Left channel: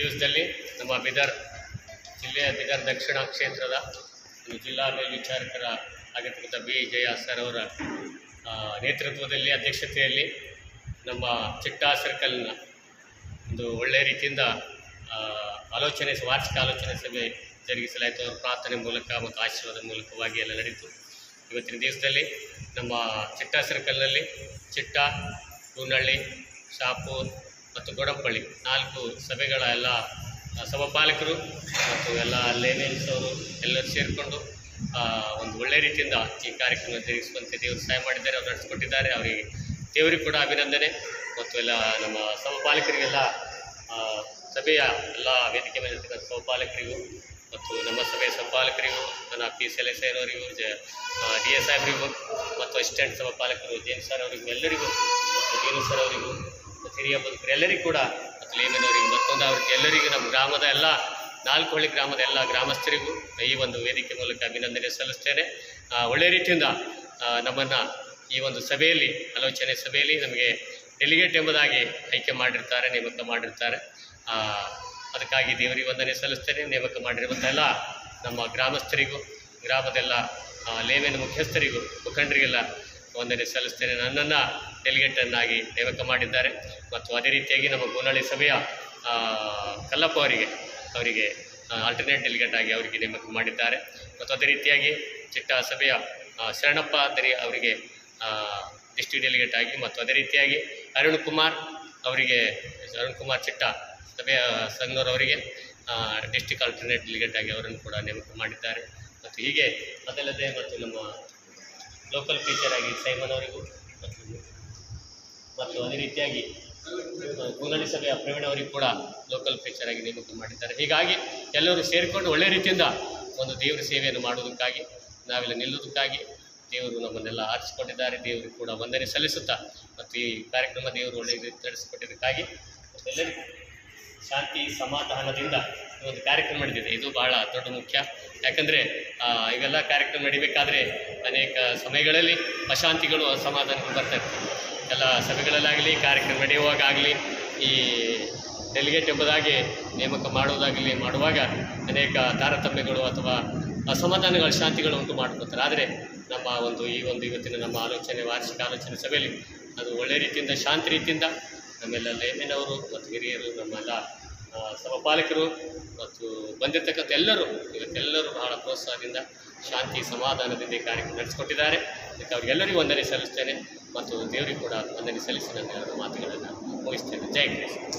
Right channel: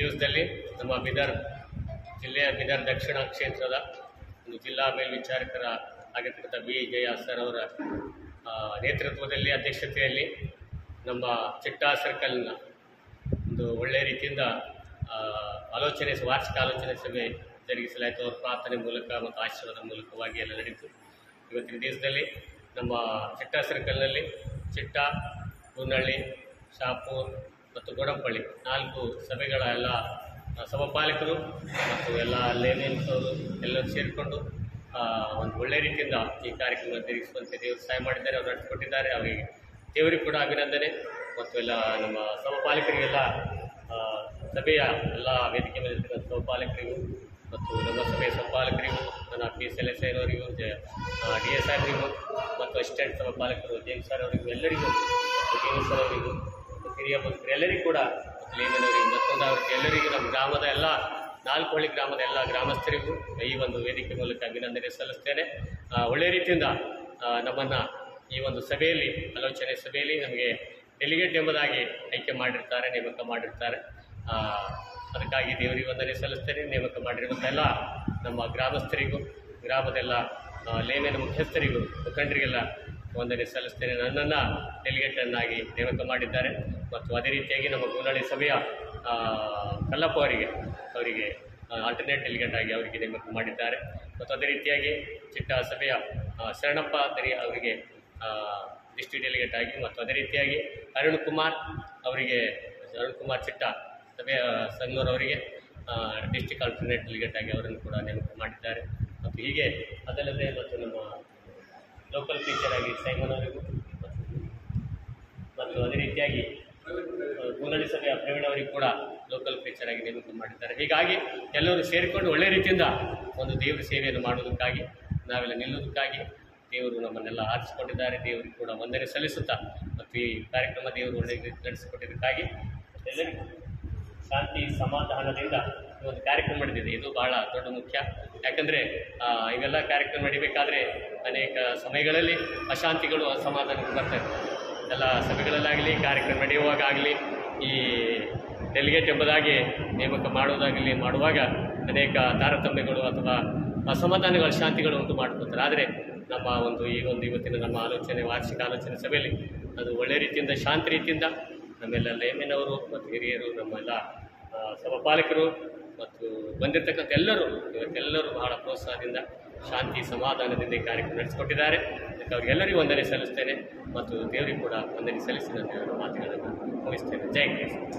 ದಿವಸದಲ್ಲಿ ನಮ್ಮ ಬೀದರ್ ಜಿಲ್ಲೆಯ ಬೀದರ್ ದಕ್ಷಿಣ ಕ್ಷೇತ್ರದ ಜಿಲ್ಲಾ ಮೇಲ್ವಿಚಾರಕರ ಆಗಿರ್ತಕ್ಕಂಥ ಬಿ ಜಯ ಸರ್ ಅವರ ನೇತೃತ್ವದಲ್ಲಿ ಅಧ್ಯಕ್ಷತೆಯಲ್ಲಿ ನಮ್ಮ ಚಿಟ್ಟಾ ಸರ್ಕಲ್ನ ಒಂದು ಒಳ್ಳೆಯ ರೀತಿಯಿಂದ ವಾರ್ಷಿಕ ಆಲೋಚನೆ ಸಭೆ ಜರುಗಿಸಲಾಯಿತು. ಅವರ ಪ್ರಾರ್ಥನೆ ಮೂಲಕ ಮತ್ತು ಆಶೀರ್ವಾದ ಮೂಲಕವಾಗಿ ಎಲ್ಲ ನಡೀತು. ಇವತ್ತಿನ ದಿವಸದಲ್ಲಿ ನಮ್ಮ ಚಿಟ್ಟಾ ಸರ್ಕಲ್ನಲ್ಲಿ ಚಿಟ್ಟಾ, ಕೂನಳ್ಳಿ, ಶಾಪೂರ್ ಮತ್ತು ಗೋಡಂಪಳ್ಳಿ 4 ಸಭೆಗಳ ಎಲ್ಲ ಸಭಾಪಾಲಕರು ಮತ್ತು ಎಲ್ಲ ಲೇಮೆನ್ಸ್ ಅವರು ಎಲ್ಲರೂ ಸೇರಿಕೊಂಡು ಒಂದು ಒಳ್ಳೆಯ ರೀತಿಯಿಂದ ಈ ಕಾರ್ಯಕ್ರಮ ಜರುಗಿಸುವಂತೆ ದೇವರು ಸಹಾಯ ಮಾಡಿದ್ದಾರೆ, ಅವರು ನಡೆಸಿಕೊಟ್ಟಿದ್ದಾರೆ. ಅವರಿಗೆ ದೇವರಿಗೆ ಕೂಡ ಅಭಿನಂದನೆ ಮತ್ತು ಎಲ್ಲ ನಮ್ಮ ಸಭಾಪಾಲಕರಿಗೆಲ್ಲ ಸಭೆಯ ಎಲ್ಲ ವೇದಿಕೆ ಮೇಲಿರ್ತಕ್ಕಂಥ ಸಭಾಪಾಲಕರಿಗೂ ಮತ್ತು ನಮ್ಮ ಸಭೆಯ ಸಭಾಪಾಲಕರಿಗೂ ನನ್ನ PCLS ಅವರಿಗೂ DA ಸಾಹೇಬರಿಗೂ ಮತ್ತು ಅಸಿಸ್ಟೆಂಟ್ ಸಭಾಪಾಲಕರು ಜೇಮ್ಸ್ ಸರ್ ಅವರಿಗೂ ಎಲ್ಲರಿಗೂ ಮತ್ತು ದೀನು ಸರ್ ಅವರಿಗೂ ಮತ್ತು ಹಿರಿಯ ಬದುಕರು ಎಲ್ಲರಿಗೂ ಕೂಡ ಮತ್ತು ಲೇಮನವರಿಗೂ ಮತ್ತೊಂದು ಅವ್ರಿಗೆ ಎಲ್ಲರಿಗೂ ನಮ್ಮ ಗ್ರಾಮದ ಎಲ್ಲ 4 ಹಳ್ಳಿ ಗ್ರಾಮದ ಎಲ್ಲ ಗ್ರಾಮಸ್ಥರಿಗೂ ಈ ಒಂದು ವೇದಿಕೆ ಮೂಲಕ ಅಭಿನಂದನೆ ಸಲ್ಲಿಸ್ತೇನೆ. ಒಳ್ಳೆಯ ರೀತಿಯಿಂದ ನಮ್ಮನ್ನು ಈ ಒಂದು ಸಭೆಯಲ್ಲಿ ಆಲೋಚನೆ ಸಭೆಯಲ್ಲಿ ನಮಗೆ ಡೆಲಿಗೇಟ್ ಎಂಬುದಾಗಿ ಆಯ್ಕೆ ಮಾಡಿರ್ತಾರೆ, ನೇಮಕ ಮಾಡಿರ್ತಾರೆ. ಅದಕ್ಕಾಗಿ ದೇವರಿಗೆ ವಂದನೆ ಸಲ್ಲಿಸ್ತೇನೆ. ನೇಮಕ ಮಾಡಿರುವಂಥ ಎಲ್ಲ ನಮ್ಮ ಗ್ರಾಮಸ್ಥರಿಗೂ ಗ್ರಾಮದೆಲ್ಲ ಲೇವಿನ ಮುಖ್ಯಸ್ಥರಿಗೂ ಮುಖಂಡರಿಗೆಲ್ಲ ವಂದನೆ ಸಲ್ಲಿಸ್ತೇನೆ. ನನ್ನನ್ನು ಡೆಲಿಗೇಟನ್ನಾಗಿ ನೇಮಕ ಮಾಡಿದ್ದಾರೆ ಮತ್ತು ಅದೇ ರೀತಿಯಾಗಿ ನಮ್ಮ ಕೂನಳ್ಳಿ ಸಭೆಯ ಕಲ್ಲಪ್ಪ ಅವರಿಗೆ ಆಲ್ಟರ್ನೇಟ್ ಡೆಲಿಗೇಟ್ ಆಗಿ ಅವರಿಗೆ ನೇಮಕ ಮಾಡಿದ್ದಾರೆ ಮತ್ತು ಅದೇ ರೀತಿಯಾಗಿ ಚಿಟ್ಟಾ ಸಭೆಯ ಶರಣಪ್ಪ ಅವರಿಗೆ ಡಿಸ್ಟ್ರಿಕ್ಟ್ ಡೆಲಿಗೇಟ್ ಆಗಿ ಮತ್ತು ಅದೇ ರೀತಿಯಾಗಿ ಅರುಣ್ ಕುಮಾರ್ ಚಿಟ್ಟಾ ಸಭೆಯ ಸಂಘನವರವರಿಗೆ ಡಿಸ್ಟ್ರಿಕ್ಟ್ ಆಲ್ಟರ್ನೇಟ್ ಡೆಲಿಗೇಟ್ ಆಗಿ ಅವರನ್ನು ಕೂಡ ನೇಮಕ ಮಾಡಿದ್ದಾರೆ. ಮತ್ತು ಹೀಗೆ ಅದಲ್ಲದೆ ಮತ್ತು ನಮ್ಮ ಲೋಕಲ್ ಟೀಚರ್ ಆಗಿ ಸೈಮನ್ ಅವರಿಗೂ ಮತ್ತು ಅದೇ ರೀತಿಯಾಗಿ ಕೂನಳ್ಳಿ ಸಭೆಯ ಪ್ರವೀಣ್ ಅವರಿಗೂ ಕೂಡ ಲೋಕಲ್ ಟೀಚರ್ ಆಗಿ ನೇಮಕ ಮಾಡಿದ್ದಾರೆ. ಹೀಗಾಗಿ ಎಲ್ಲರೂ ಸೇರಿಕೊಂಡು ಒಳ್ಳೆಯ ರೀತಿಯಿಂದ ಒಂದು ದೇವರ ಸೇವೆಯನ್ನು ಮಾಡುವುದಕ್ಕಾಗಿ ನಾವೆಲ್ಲ ನಿಲ್ಲುವುದಕ್ಕಾಗಿ ದೇವರು ನಮ್ಮನ್ನೆಲ್ಲ ಆರಿಸಿಕೊಂಡಿದ್ದಾರೆ. ದೇವರಿಗೆ ಕೂಡ ವಂದನೆ ಸಲ್ಲಿಸುತ್ತಾ ಮತ್ತು ಈ ಕಾರ್ಯಕ್ರಮ ದೇವರು ಒಳ್ಳೆಯ ರೀತಿ ನಡೆಸಿಕೊಟ್ಟಿದ್ದಕ್ಕಾಗಿ ಎಲ್ಲರಿಗೂ ಶಾಂತಿ ಸಮಾಧಾನದಿಂದ ಈ ಒಂದು ಕಾರ್ಯಕ್ರಮ ನಡೆದಿದೆ. ಇದು ಬಹಳ ದೊಡ್ಡ ಮುಖ್ಯ. ಯಾಕಂದರೆ ಇವೆಲ್ಲ ಕಾರ್ಯಕ್ರಮ ನಡಿಬೇಕಾದ್ರೆ ಅನೇಕ ಸಮಯಗಳಲ್ಲಿ ಅಶಾಂತಿಗಳು ಅಸಮಾಧಾನಗಳು ಬರ್ತಾ ಇರ್ತವೆ. ಎಲ್ಲ ಸಭೆಗಳಲ್ಲಾಗಲಿ ಕಾರ್ಯಕ್ರಮ ನಡೆಯುವಾಗಲಿ ಈ ಡೆಲಿಗೇಟ್ ಎಂಬುದಾಗಿ ನೇಮಕ ಮಾಡುವಾಗ ಅನೇಕ ತಾರತಮ್ಯಗಳು ಅಥವಾ ಅಸಮಾಧಾನಗಳು ಶಾಂತಿಗಳು ಉಂಟು ಮಾಡ್ಕೊತಾರೆ. ಆದರೆ ನಮ್ಮ ಇವತ್ತಿನ ನಮ್ಮ ವಾರ್ಷಿಕ ಆಲೋಚನೆ ಸಭೆಯಲ್ಲಿ ಅದು ಒಳ್ಳೆಯ ರೀತಿಯಿಂದ ಶಾಂತಿ ರೀತಿಯಿಂದ ನಮ್ಮೆಲ್ಲ ಲೇಮೆನವರು ಮತ್ತು ಹಿರಿಯರು ನಮ್ಮೆಲ್ಲ ಸಭಾಪಾಲಕರು ಮತ್ತು ಬಂದಿರತಕ್ಕಂಥ ಇವತ್ತೆಲ್ಲರೂ ಬಹಳ ಪ್ರೋತ್ಸಾಹದಿಂದ ಶಾಂತಿ ಸಮಾಧಾನದಿಂದ ಈ ಕಾರ್ಯಕ್ರಮ ನಡೆಸಿಕೊಟ್ಟಿದ್ದಾರೆ. ಅದಕ್ಕೆ ಅವರಿಗೆಲ್ಲರಿಗೂ ವಂದನೆ ಸಲ್ಲಿಸ್ತೇನೆ ಮತ್ತು ದೇವರಿಗೂ ಕೂಡ ವಂದನೆ ಸಲ್ಲಿಸಿ ನನ್ನ 2 ಮಾತುಗಳನ್ನು ಮುಗಿಸ್ತೇನೆ. ಜೈ ಕ್ರಿಸ್ತ.